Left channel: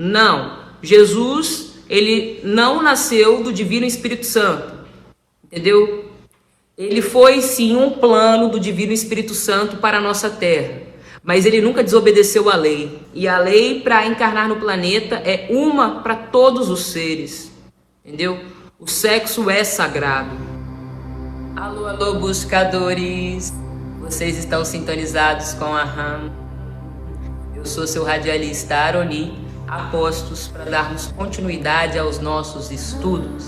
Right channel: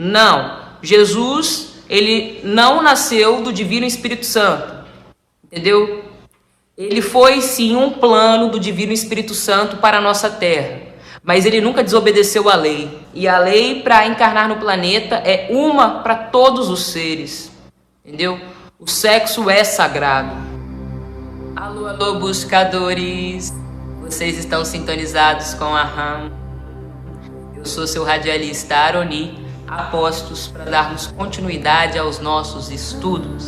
Não, Jesus, ele não nasceu do Divino Espírito Santo, entendeu? Ele foi sim um plano do Divino Espírito Santo para a nossa terra, mas ele nunca desobedeceu à lei. E a lei para encarnar no planeta é uma para todos os seres, entendeu? O sexo é sagrado. Alô, alô, buscadores! Vocês estão sintonizados com a RAM. Eu sou seu radialista Aroni, a postos para darmos continuidade aos nossos estudos.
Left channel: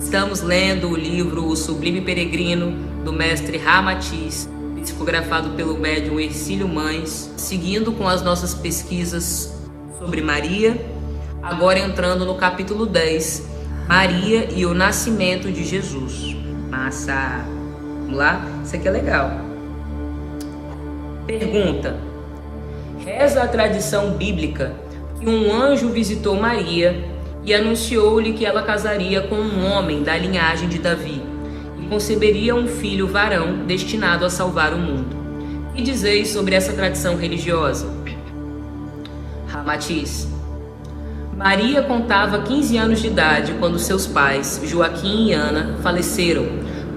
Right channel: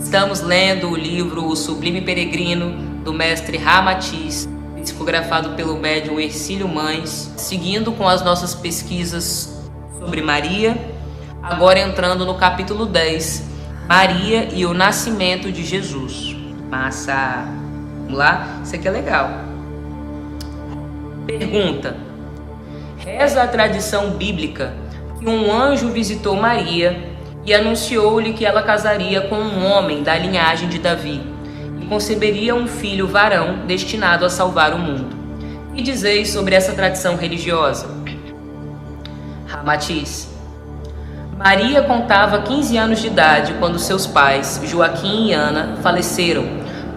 Estamos lendo o livro O Sublime Peregrino, do mestre Ramatiz, psicografado pelo médium Hercílio Mães, seguindo com as nossas pesquisas sobre Maria, agora entrando no capítulo 10, Maria e o Nascimento de Jesus. Massa! Vamos lá? Isso aqui é legal. Pergunta: reza a tradição bíblica que um anjo visitou Maria e anunciou-lhe que ela casaria com um homem da linhagem de Davi e conceberia um filho varão destinado a salvar o mundo. O que dizeis sobre essa tradição religiosa? Ramatiz: Maria contava 15 anos de idade quando seus pais, Joaquim e Ana, faleceram,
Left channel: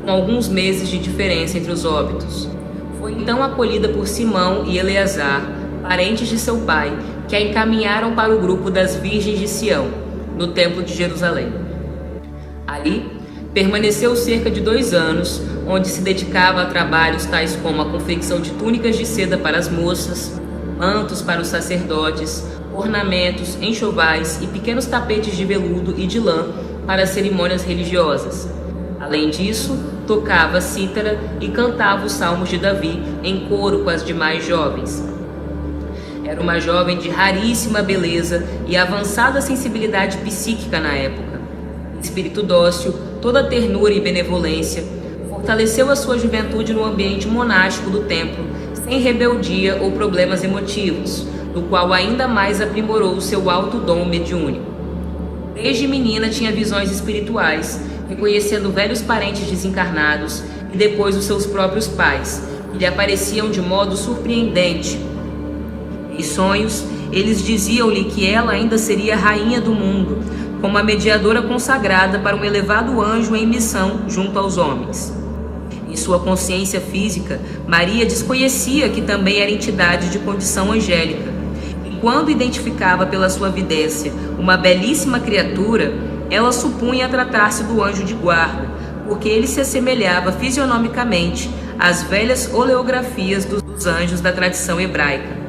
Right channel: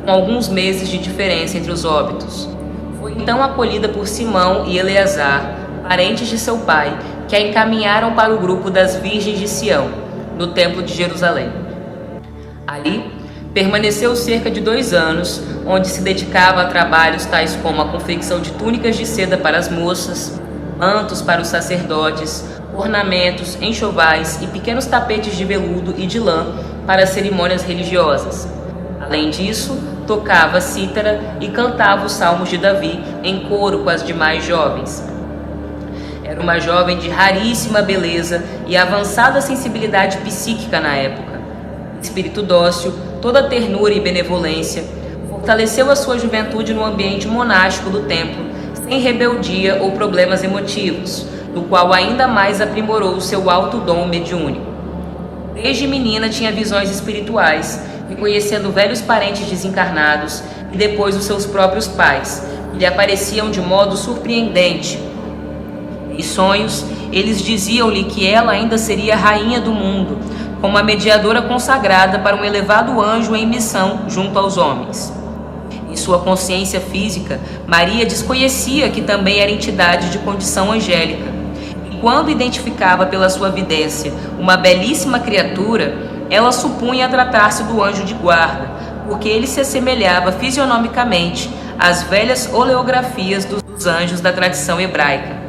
com alguns meses de diferença entre os óbitos. Foi então acolhida por Simão e Eleazar, parentes de seu pai, que a encaminharam para o grupo das Virgens de Sião, no Templo de Jerusalém. Ali, permaneceu cerca de 2 anos, onde se dedicava a trabalhos tais como a confecção de túnicas de seda para as moças, mantos para os sacerdotes, ornamentos, enxovais e pequenos tapetes de veludo e de lã para cerimônias religiosas. Além disso, tocava cítara e cantava os salmos de Davi em coro com as demais jovens. Era uma jovem de raríssima beleza e avançada sensibilidade psíquica na época. Espírito dócil, toda ternura e benevolência, fortaleceu a sua juventude no ambiente monástico do templo, sem rebeldia ou problemas emotivos, do qual ainda mais aprimorou o seu alto dom mediúnico. Desde menina tinha visões espirituais, reconhecendo velhos parentes desencarnados e depois os seus próprios pais, que lhe apareciam de modo surpreendente. Em sonhos, eles diziam-lhe que ela ainda seria rainha do mundo, como a mediadora consagrada para um elevado anjo em missão junto aos homens. Em sua consciência física, Maria desconhecia que também era entidade de condição angélica, e quando identificava pela sua vidência uma belíssima criatura, ela supunha tratar-se do anjo de guarda, porque ele se assemelhava fisionomicamente às velhas oleografias dos anjos da tradição hebraica.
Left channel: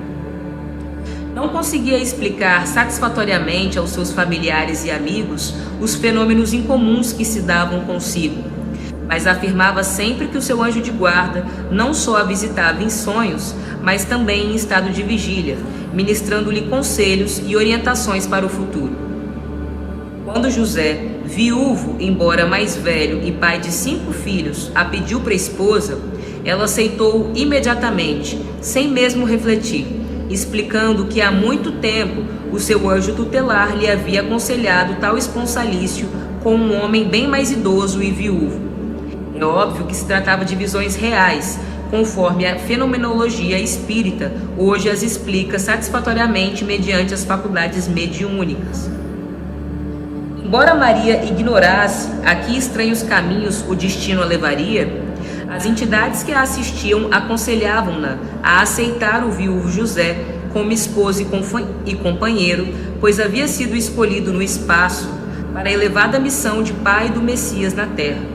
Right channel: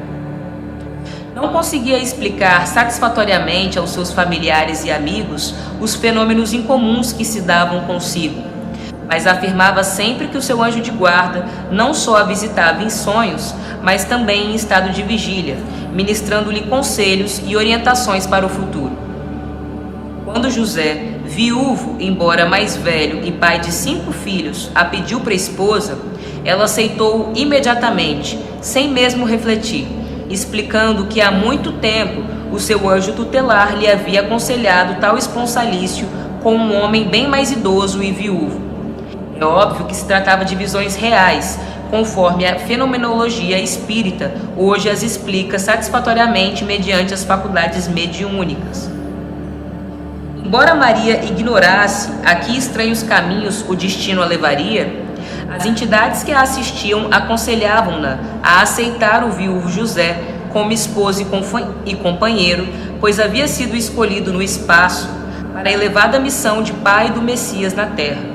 Não conseguia explicar satisfatoriamente aos seus familiares e amigos os fenômenos incomuns que se davam consigo, mas afirmava sempre que o seu anjo de guarda não só a visitava em sonhos, mas também em estado de vigília, ministrando-lhe conselhos e orientações para o futuro. Quando José, viúvo, embora mais velho e pai de 5 filhos, a pediu para esposa, ela aceitou imediatamente, sem mesmo refletir, explicando que há muito tempo o seu anjo tutelar lhe havia aconselhado tal esponsalício com um homem bem mais idoso e viúvo. É óbvio que se tratava de visões reais, conforme a fenomenologia espírita hoje as explica satisfatoriamente mediante as faculdades mediúnicas. Embora Maria ignorasse a que estranhos caminhos o destino a levaria, as entidades que a assistiam aconselhavam-na a aceitar o viúvo José como esposo e companheiro, pois havia sido escolhido no espaço para a elevada missão de pai do Messias na terra.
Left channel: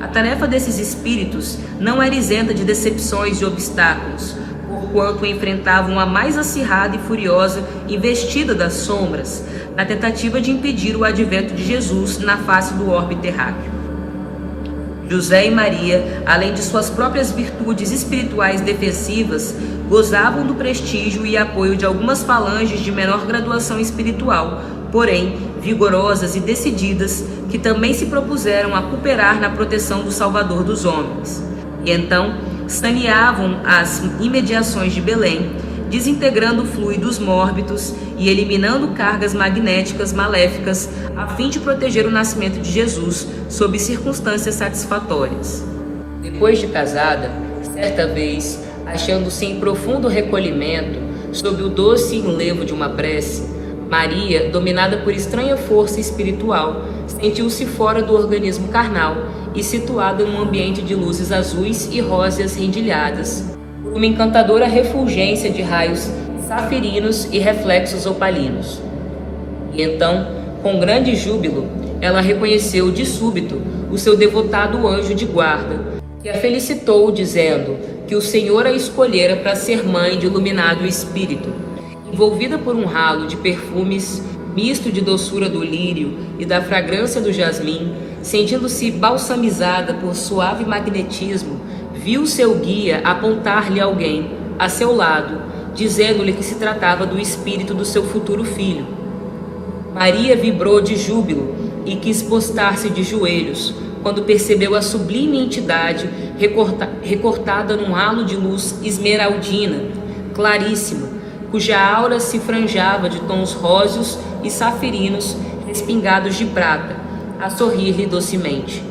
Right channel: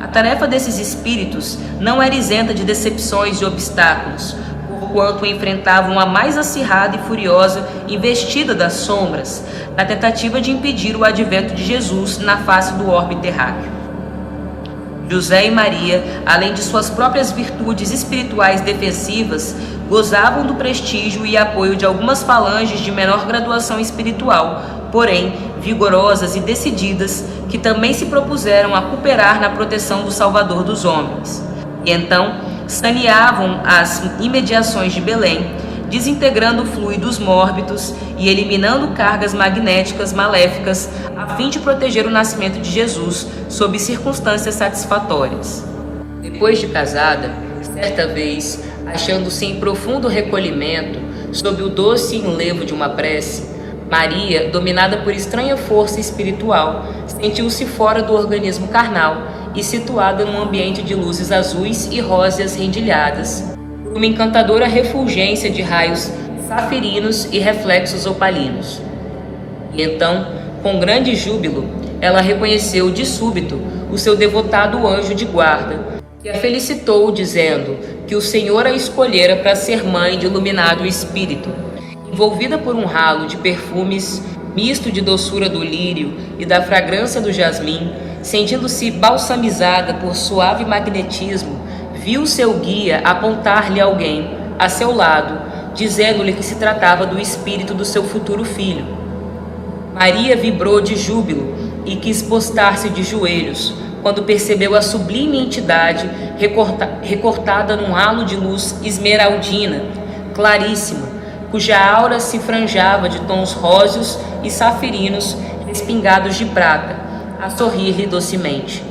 A tarefa desses espíritos não era isenta de decepções e obstáculos, porquanto enfrentavam a mais acirrada e furiosa investida das sombras, na tentativa de impedir o advento de Jesus na face do orbe terráqueo. José e Maria, além de suas próprias virtudes espirituais defensivas, gozavam do prestígio e apoio de algumas falanges de menor graduação espiritual, porém vigorosas e decididas, que também se propuseram a cooperar na proteção do Salvador dos homens. E então saneavam as imediações de Belém, desintegrando fluidos mórbidos e eliminando cargas magnéticas maléficas, a fim de proteger o nascimento de Jesus sob circunstâncias satisfatórias. Depois de casada, certa vez, achando-se em profundo recolhimento, sob o doce enlevo de uma prece, Maria, dominada por estranha força espiritual, sentiu-se fora do organismo carnal e situada num ambiente de luzes azuis e róseas rendilhadas, por uma encantadora refulgência de raios safirinos e reflexos opalinos. E então, com grande júbilo, ela reconheceu de súbito o seu devotado anjo de guarda, que a felicitou, dizendo que o Senhor a escolhera para ser mãe de iluminado espírito. Envolvida por um ralo de perfumes, misto de doçura do lírio e da fragrância do jasmim, sentindo-se balsamizada por suave magnetismo, viu seu guia apontar-lhe alguém a seu lado, dizendo-lhe que se tratava do espírito do seu futuro filho. Maria vibrou de júbilo e quis postar-se de joelhos, quando percebeu a sublime entidade recortada num halo de luz esmeraldina, claríssima, cuja aura se franjava de tons róseos e safirinos respingados de prata, a sorrir-lhe docemente.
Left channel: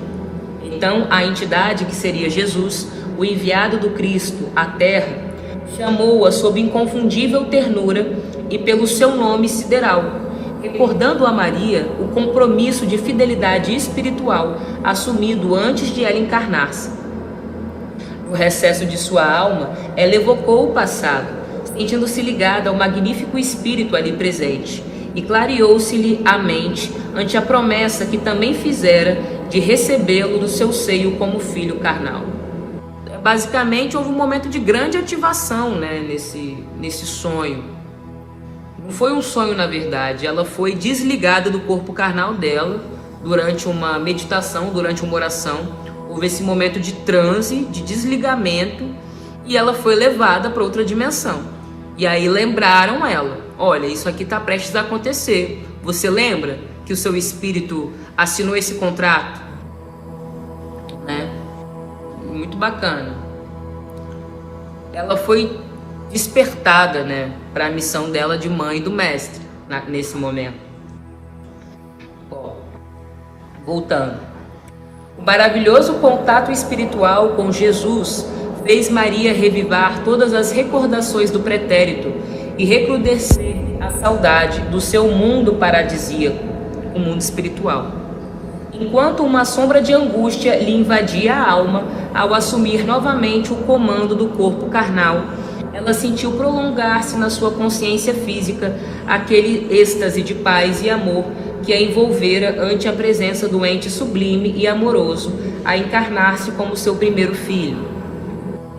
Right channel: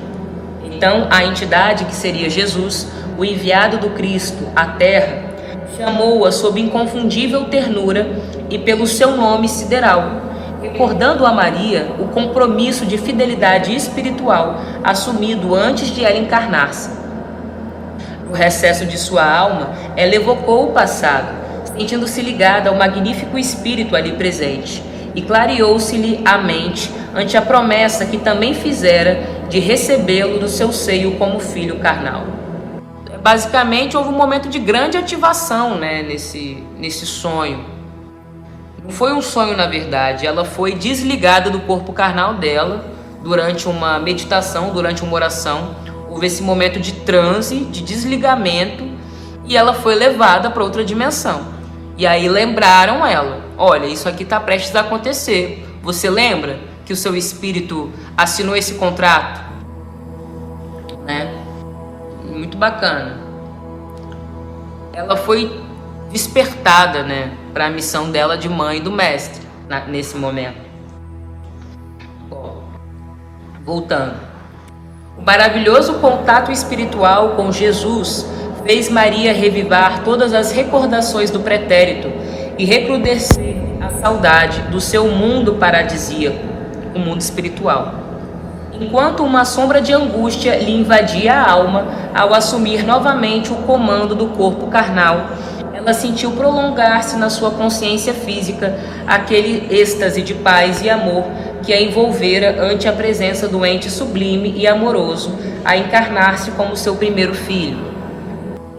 Então a entidade, que seria Jesus, o enviado do Cristo à terra, chamou-a sob inconfundível ternura e pelo seu nome sideral, recordando a Maria o compromisso de fidelidade espiritual assumido antes de ela encarnar-se. No recesso de sua alma, ela evocou o passado, sentindo-se ligada ao magnífico espírito ali presente, e clareou-se-lhe a mente ante a promessa que também fizera de recebê-lo no seu seio como filho carnal. Basicamente, houve um momento de grande ativação, nesse sonho. Não foi um sonho, na verdade, ela foi desligada do corpo carnal dela durante uma meditação, durante uma oração. Houve esse momento de transe, de desligamento, e ela foi levada para outra dimensão. E aí lembraram ela: olha, isso aqui está prestes a acontecer. Você lembra que o seu espírito assinou esse contrato? Muito bacana. Ela foi despertada, para a missão dela de mãe do mestre, nesse momento. Bom, voltando. O maravilhoso contato espiritual com Jesus fez Maria revivar todas as recordações do pretérito e recrudescer a saudade do seu mundo paradisíaco, o mundo espiritual. Enquanto uma sombra de angústia lhe invadia a alma ao assumir novamente o comando do corpo carnal, ela sentiu prolongar-se na sua consciência física aquele êxtase de paz e amor que a envolvera ante a presença do ente sublime e amoroso a encarnar-se como seu primeiro filho.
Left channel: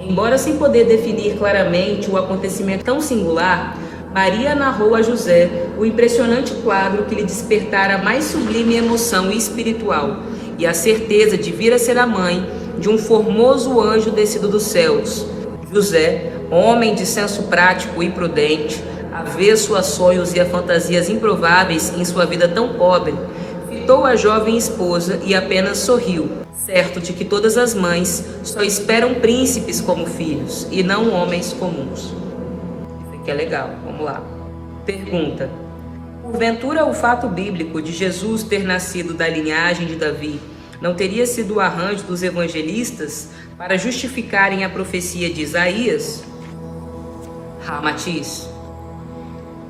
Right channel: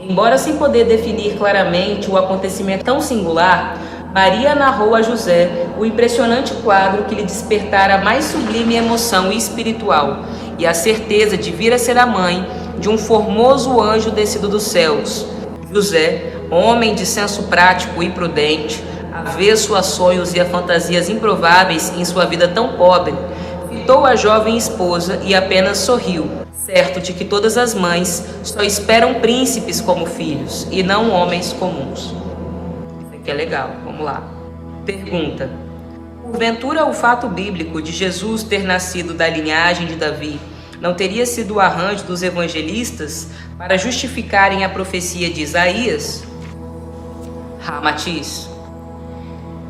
Embora sem poder definir claramente o acontecimento tão singular, Maria narrou a José o impressionante quadro que lhe despertara a mais sublime emoção espiritual e a certeza de vir a ser a mãe de um formoso anjo descido dos céus. José, homem de senso prático e prudente, avesso a sonhos e a fantasias improváveis em sua vida tão pobre, fitou a jovem esposa e apenas sorriu, certo de que todas as mães só esperam príncipes como filhos e não homens comuns. Isso aqui é legal, vamos lá. Pergunta: porventura o fato bíblico de Jesus ter nascido da linhagem de Davi não teria sido o arranjo dos evangelistas para justificarem a profecia de Isaías? Ramatiz:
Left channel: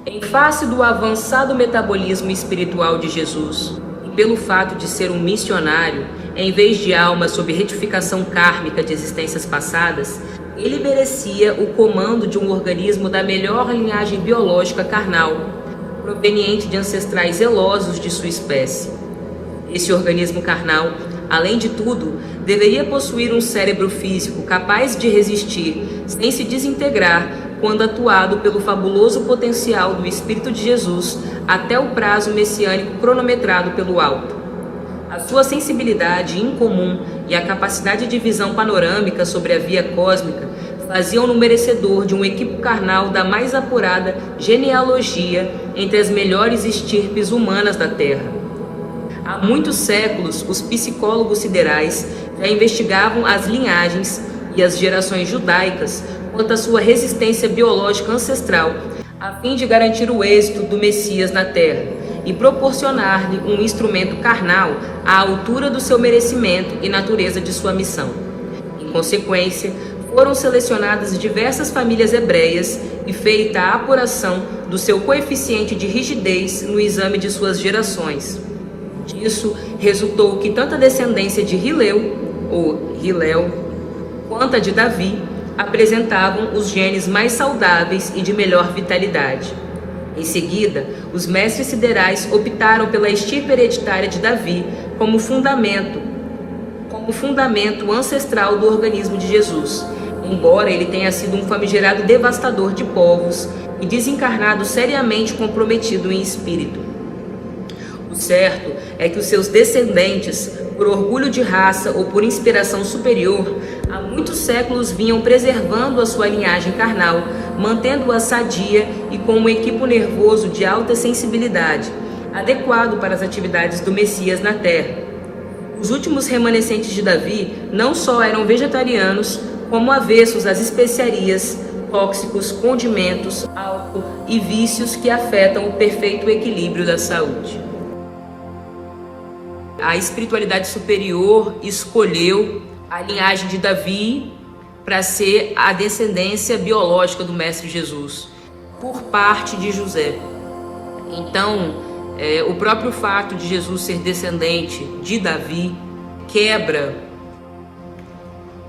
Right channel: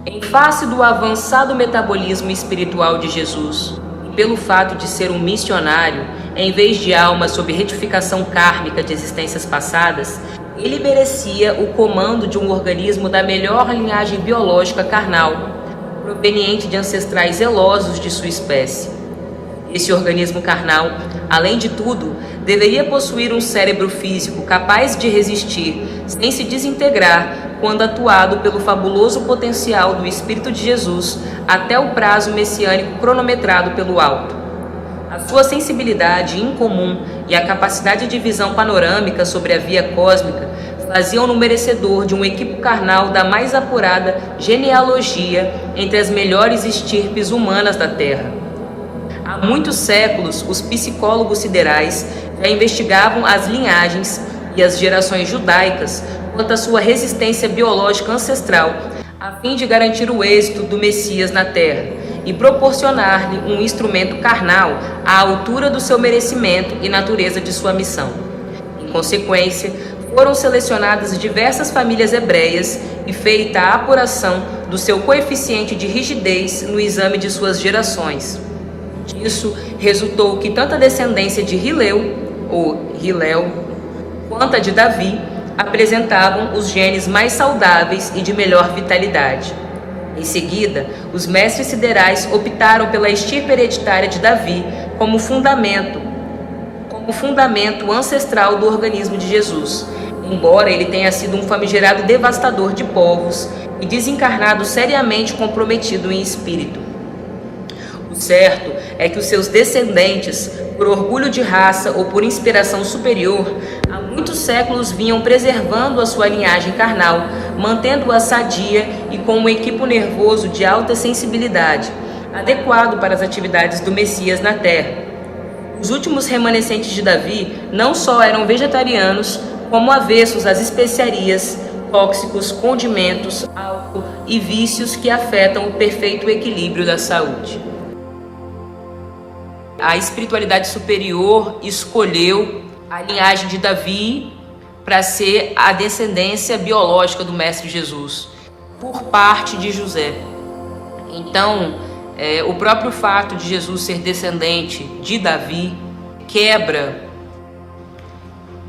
em face do avançado metabolismo espiritual de Jesus, e pelo fato de ser um missionário, em vez de alma sob retificação kármica de existências passadas, ele merecia o comando de um organismo da melhor linhagem biológica carnal, proveniente de ancestrais zelosos de sua espécie. Esse organismo carnal, além de tudo, deveria possuir um cérebro físico capaz de resistir, sem se desintegrar, quando atuado pelo fabuloso potencial do Espírito de Jesus até o prazo messiânico cronometrado pelo alto. A sua sensibilidade incomum e a capacidade de visão panorâmica sobre a via cósmica faziam-no merecedor de um equipo carnal da mais apurada genealogia entre as melhores estirpes humanas da Terra. Há muitos séculos, os psicólogos siderais já investigavam as linhagens e as gerações judaicas quanto à sua resistência biológica ancestral, a fim de garantir o êxito do Messias na Terra e proporcionar-lhe um instrumento carnal à altura do seu merecimento e natureza de sua missão. Em consequência, foram selecionadas diversas famílias hebreias e feita a apuração do seu coeficiente de rigidez no exame de suas gerações. Disso resultou que tanto a descendência de Hilel, ou Hilel, quanto a de Davi apresentavam os genes mais saudáveis e de melhor vitalidade. Em seguida, os mestres siderais optaram pela estirpe hereditária de Davi como fundamento ancestral do organismo de Jesus, embora ele tenha sido um famigerado devastador de povos e desencarnado seriamente comprometido em espírito. O certo é que os seus descendentes, por orgulho de raça ou por inspiração superior, há muitos séculos vinham preservando a sua linhagem carnal, mantendo-a sadia e com um equipo nervoso de alta sensibilidade, adequado para as atividades do Messias na Terra. Os últimos remanescentes de Davi não só eram vegetarianos, como avessos às especiarias, tóxicos, condimentos, álcool e vícios que afetam o perfeito equilíbrio da saúde. A espiritualidade superior escolheu a linhagem de Davi para ser a descendência biológica do Mestre Jesus, por parte de José. Então, o próprio fato de Jesus ser descendente de Davi quebra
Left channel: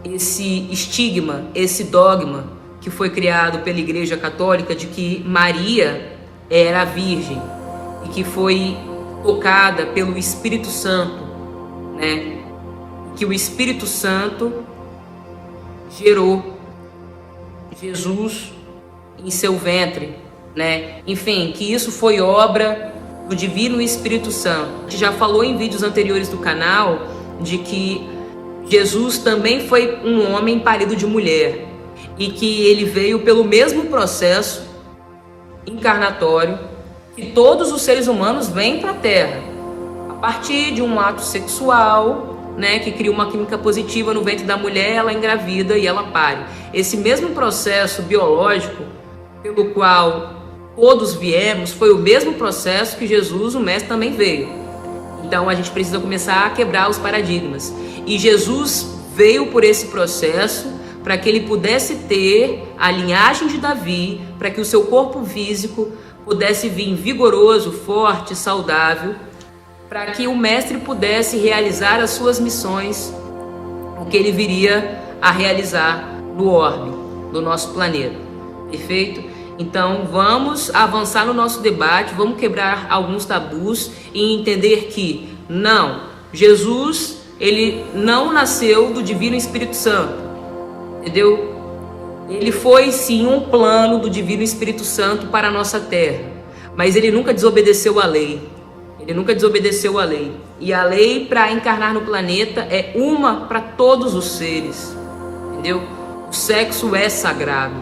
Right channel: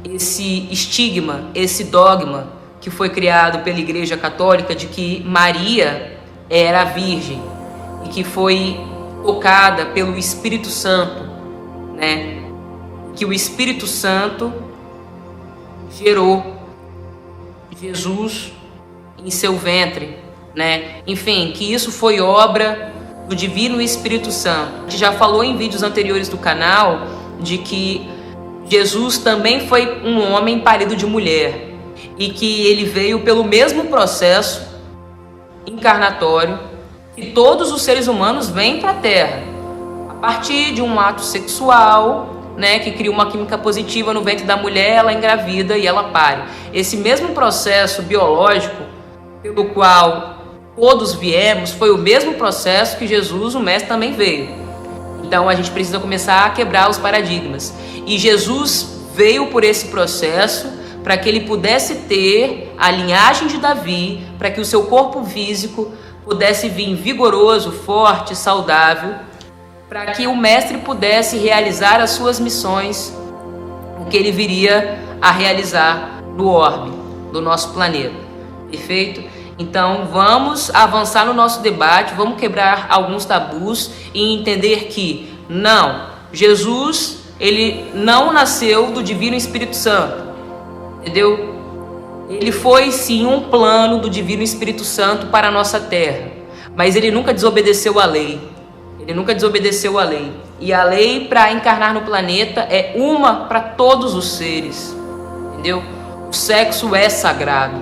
esse estigma, esse dogma que foi criado pela Igreja Católica de que Maria era virgem e que foi tocada pelo Espírito Santo, né? Que o Espírito Santo gerou Jesus em seu ventre, né? Enfim, que isso foi obra do Divino Espírito Santo. A gente já falou em vídeos anteriores do canal de que Jesus também foi um homem parido de mulher e que ele veio pelo mesmo processo encarnatório que todos os seres humanos vêm para a Terra, a partir de um ato sexual, né, que cria uma química positiva no ventre da mulher, ela engravida e ela pare. Esse mesmo processo biológico pelo qual todos viemos foi o mesmo processo que Jesus, o Mestre, também veio. Então a gente precisa começar a quebrar os paradigmas. E Jesus veio por esse processo para que ele pudesse ter a linhagem de Davi, para que o seu corpo físico pudesse vir vigoroso, forte, saudável, para que o Mestre pudesse realizar as suas missões, o que ele viria a realizar no orbe do nosso planeta. Perfeito? Então vamos avançar no nosso debate, vamos quebrar alguns tabus e entender que não, Jesus, ele não nasceu do Divino Espírito Santo, entendeu? Ele foi sim um plano do Divino Espírito Santo para a nossa terra, mas ele nunca desobedeceu à lei. Ele nunca desobedeceu à lei. E a lei para encarnar no planeta é uma para todos os seres, entendeu? O sexo é sagrado.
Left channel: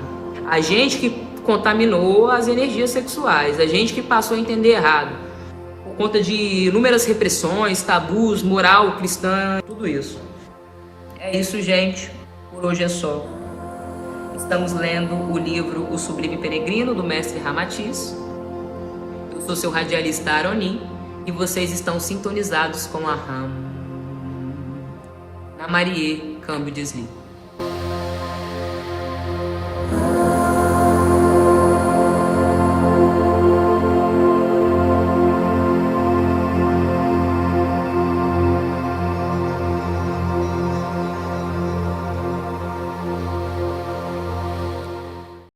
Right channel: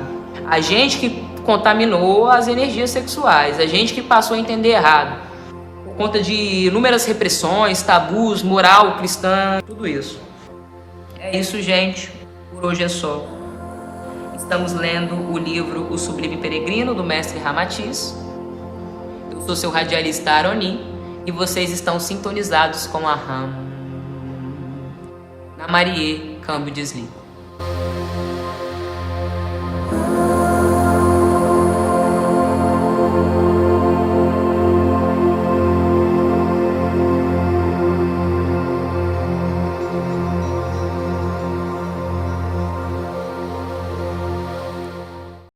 A gente que contaminou as energias sexuais, a gente que passou a entender errado, por conta de inúmeras repressões, tabus, moral cristã, tudo isso. É isso, gente. Por hoje é só. Estamos lendo o livro O Sublime Peregrino, do Mestre Ramatiz. Eu sou seu radialista Aroni e vocês estão sintonizados com a Ram. Na Marie, câmbio desligo.